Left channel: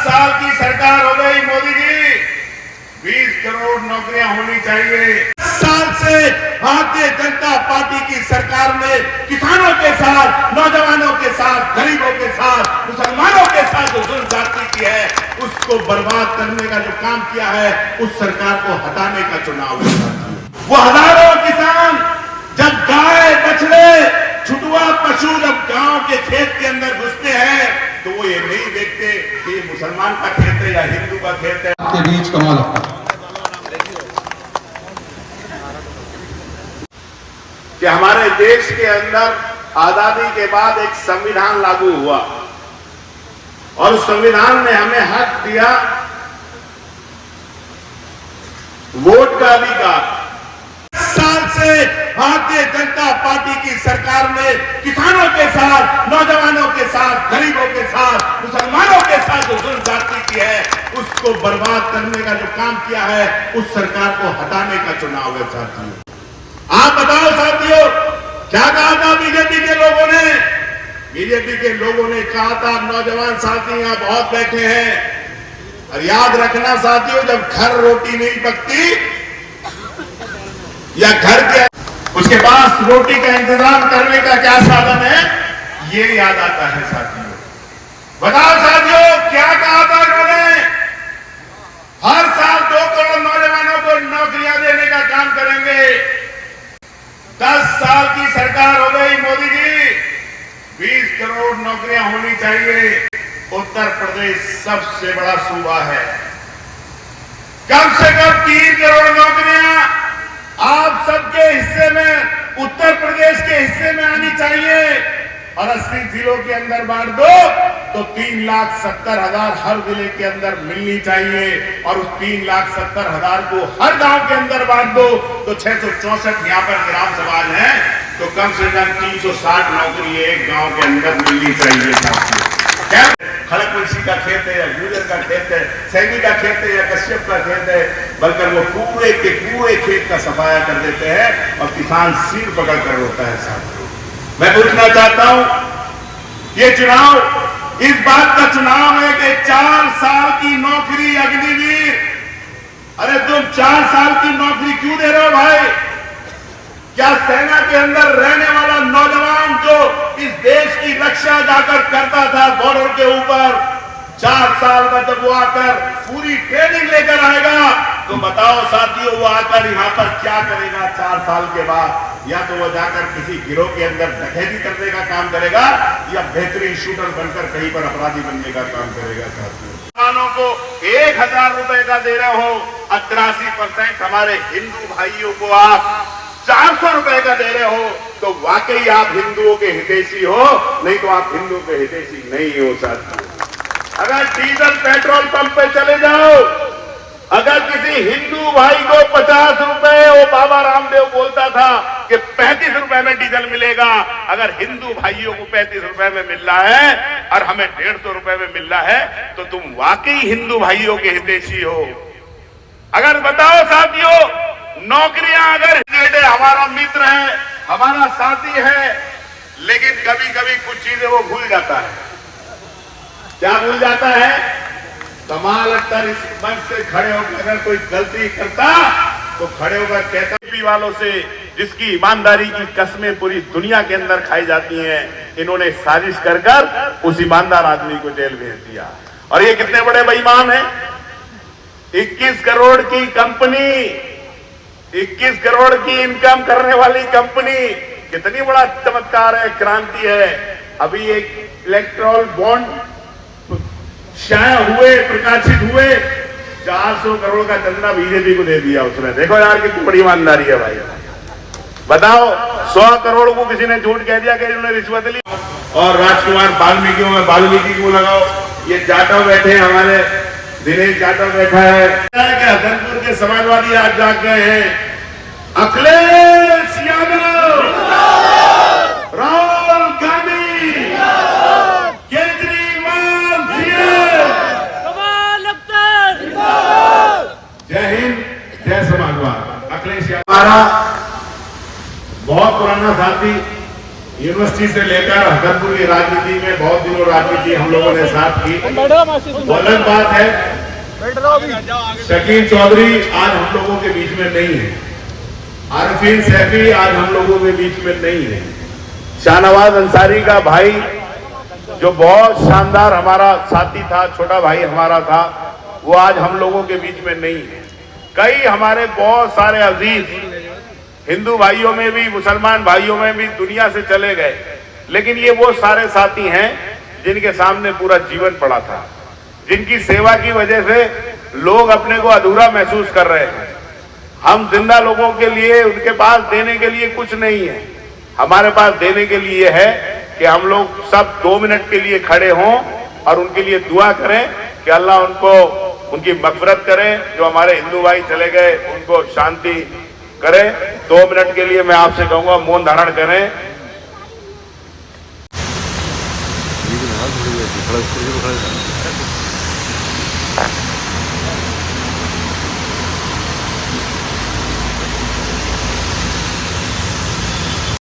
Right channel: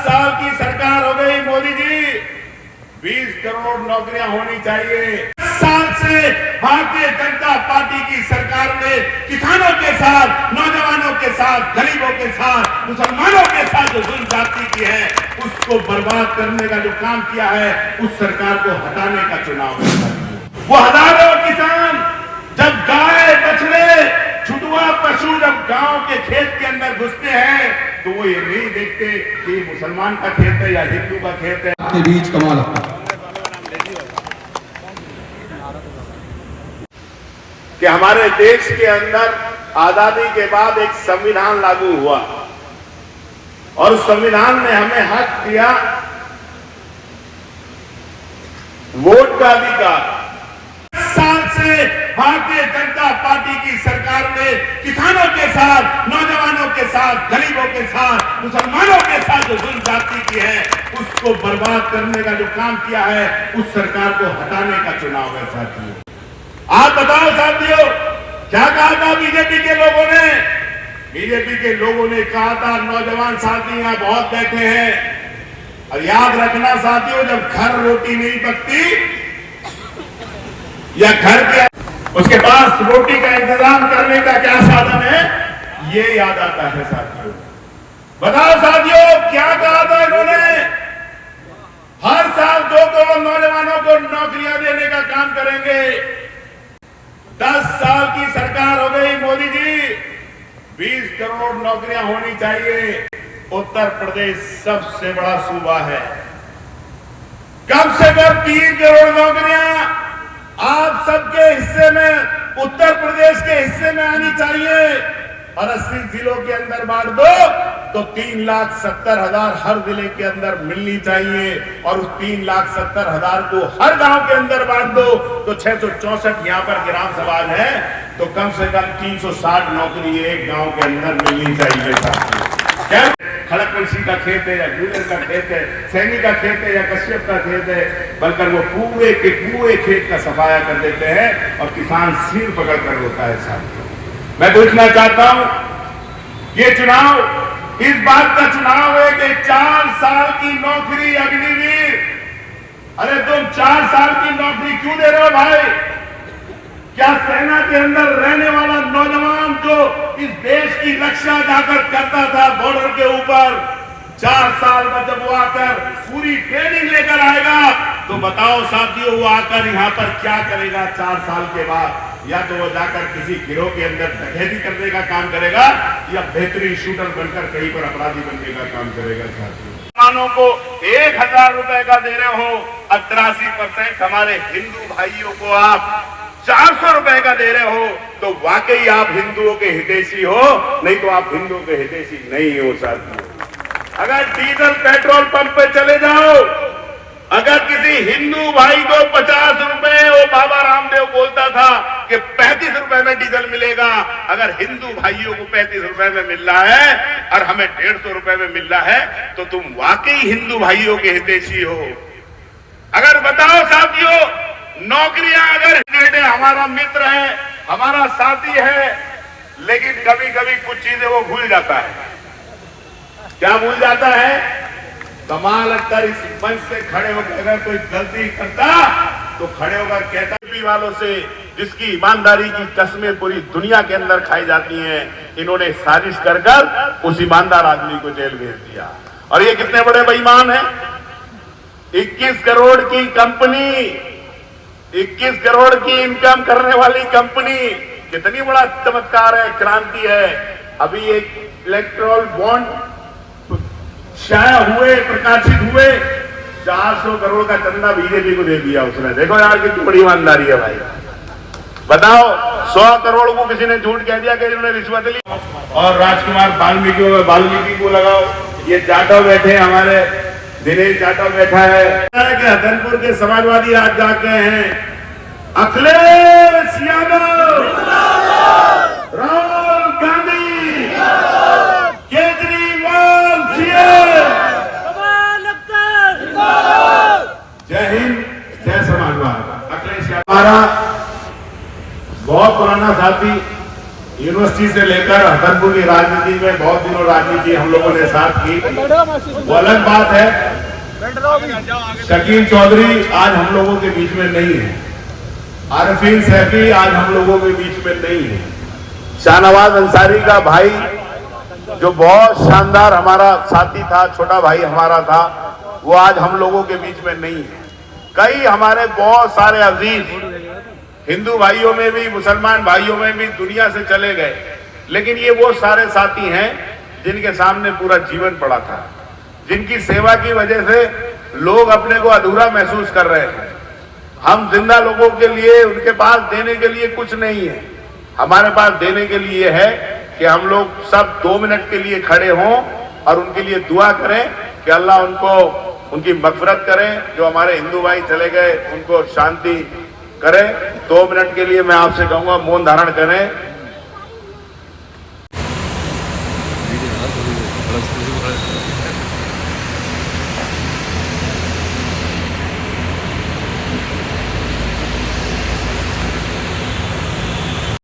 साल की सरकार हो गई मोदी जी, 20 करोड़ नौकरियां होनी चाहिए। साल से भारतीय जनता पार्टी की सरकार ने किसानों के साथ, नौजवानों के साथ, गरीबों के साथ, मुसलमानों के साथ जो जुल्म ज्यादती की है, उसको बर्बाद करने का जो काम किया है, उस सरकार को हटाने का चुनाव है। वो हजारों किसान जब गाय, बछड़े, छुटुआ पशु जब गांव के खेत के अंदर घुसते हैं, तो वो ये नहीं देखते कि मुसलमान का खेत है या हिंदू का खेत है। आपके बीच कमाल अपना कि हमारे देश के अंदर आजादी के बाद एक संविधान लागू हुआ और उस संविधान ने हमें हक दिया वोट का अधिकार। साल से भारतीय जनता पार्टी की सरकार ने किसानों के साथ, नौजवानों के साथ, गरीबों के साथ, मुसलमानों के साथ जो जुल्म ज्यादती की है, उसको बर्बाद करने का जो काम किया है, उस सरकार को हटाने का चुनाव है साथियों। आप बताओ साथियों, क्या कहा था बीजेपी के लोगों ने? बीजेपी के लोगों ने कहा था, नौजवान साथी यहां बहुत बैठे हैं, और याद रखना साथियों, जब घर रोटी नहीं पकती या घर के उसके पास रोटी का इंतजाम करने का क्या साधन है, ये याद आता है साथियों। बताओ साथियों, क्या कहा था इन्होंने? हर साल 2 करोड़ नौजवानों को नौकरियां देने का काम करेंगे। 10 साल की सरकार हो गई मोदी जी, 20 करोड़ नौकरियां होनी चाहिए। उत्तर प्रदेश सबसे बड़ा सूबा है, कम से कम 3 करोड़ नौकरियां आप सबके हिस्से में, उत्तर प्रदेश के हिस्से में आनी चाहिए। और 80 जिलों के अंदर बांट दो तो 3,70,000 हर जिले के अंदर मिलनी चाहिए। और उस 3,70,000 को हर गांव के अंदर बांट दो तो 664 यहां पर ग्राम सभा है, तो कम से कम 360 नौकरी एक गांव के अंदर मिलनी चाहिए। क्या खड़गवंशी का खेत है या गुर्जर का खेत है, सैनी का खेत है या कश्यप का खेत है, बल्कि वो पूरे के पूरे खेत का सफाया कर देते हैं और किसान सिर पकड़ कर रोता है। साथियों, मैं पूछना चाहता हूं, ये चुनाव इस बात का चुनाव है कि 4 साल की नौकरी अग्निवीर, अरे तुम 4 साल की नौकरी क्यों दे रहे हो भाई? क्या सेना के अंदर रहने वाला नौजवान जो इस देश की रक्षा जाकर करता था बॉर्डर के ऊपर, 4 साल बाद जब वो आकर पूरी ट्रेनिंग लेकर आएगा, तो बताओ साथियों, वो आकर यहाँ पर क्या करेगा 4 साल के बाद? या तो वो जाकर किसी गिरोह के अंदर डकैती करने का काम करेगा या बेहतरीन शूटर बनकर कहीं पर अपराधी बनने का काम करेगा। साथियों, किसानों को 1,000 रुपए का दे रहे हो, 83% हमारे हिंदू भाइयों को आप 400 रुपए का दे रहे हो, तो वाकई आप हिंदुओं के हितैषी हो, नहीं तो आप हिंदुओं के हितैषी नहीं हो। साथियों, अगर डीजल पेट्रोल पंप पे चले जाओ, अगर किसी हिंदू भाई को 50 रुपए, वो बाबा रामदेव बोलता था कि 35 रुपए में डीजल मिलेगा, अगर हिंदू भाइयों को 35 रुपए में मिल रहा है और हमें 150 रुपए में मिल रहा है, तो तुम वाकई हिंदू भाइयों के हितैषी हो। अगर बताओ साथियों, नौकरियां अगर हमारा मित्र है, हमारा साथी है, लेकिन कभी कभी कुछ चीजें वो भूल जाता है। क्या भूल जाता है? कमाल अख्तर इस मंच से खड़े होकर अगर कोई गलती करता तो खड़े होकर कहता, बीजेपी वालों से जिसकी ईमानदारी की कस्में पूरी दुनिया के अंदर खाई जाती हैं, इन्होंने साजिश कर उस ईमानदार आदमी को जेल भेज दिया। और ये कितने बड़े बेईमान हैं? 21 करोड़ की कंपनी, 21 करोड़ की इनकम करने वाली कंपनी, कितनी बड़ा चमत्कार है, क्रांति है। अभी एक इलेक्ट्रॉल बॉन्ड शाया हुए, प्रकाशित हुए, 400 करोड़ का चंदा बीजेपी को दे दिया उसने। देखो यार कितनी बड़ी ईमानदारी है भाई। बताओ, 100 करोड़ को किसी ने झूठ कह दिया कि इन्होंने रिश्वत ली। और राजकुमार वाल्मीकि को लगाओ, ये जाटव बैठे हैं, हमारे दिनेश जाटव बैठा है, हसनपुर के समाजवादी आज जाग गए हैं। अखिलेश यादव, राहुल गांधी, केजरीवाल, जय हिंद, जय समाजवाद। अखिलेश यादव हमारा बहुत पुराना साथी, यूनिवर्सिटी से लेकर हसनपुर की राजनीति में बहुत दिनों राजनीति हम लोगों ने साथ की, वो अलग बात है। शकील चौधरी आज हम लोगों के बीच में नहीं है, आरफीन सैफी आज हम लोगों के बीच में नहीं है, शाहनवाज अंसारी का भाई जो बहुत शानदार हमारा साथी था, छोटा भाई हमारा था, वो आज हम लोगों के बीच में नहीं है। कई हमारे बहुत सारे अजीज हिंदू भाइयों में भी, मुसलमान भाइयों में भी दुनिया से चले गए, लेकिन ये वो सारे साथी हैं जिनके सामने पूरा जीवन पड़ा था, जिनकी सेवा की वजह से लोग अपने को अधूरा महसूस कर रहे हैं। हम जिंदा लोगों के लिए, उनके पास देने के लिए कुछ नहीं है, हमारे पास देने के लिए है कि हम लोग सब 2 मिनट के लिए खड़े हों और उनके लिए दुआ करें कि अल्लाह उनको, उनकी मग़फ़िरत करें। जो हमारे हिंदू भाई चले गए उनको शांति करें। 2 मिनट के लिए मैं आपसे कहूंगा मौन धारण करें।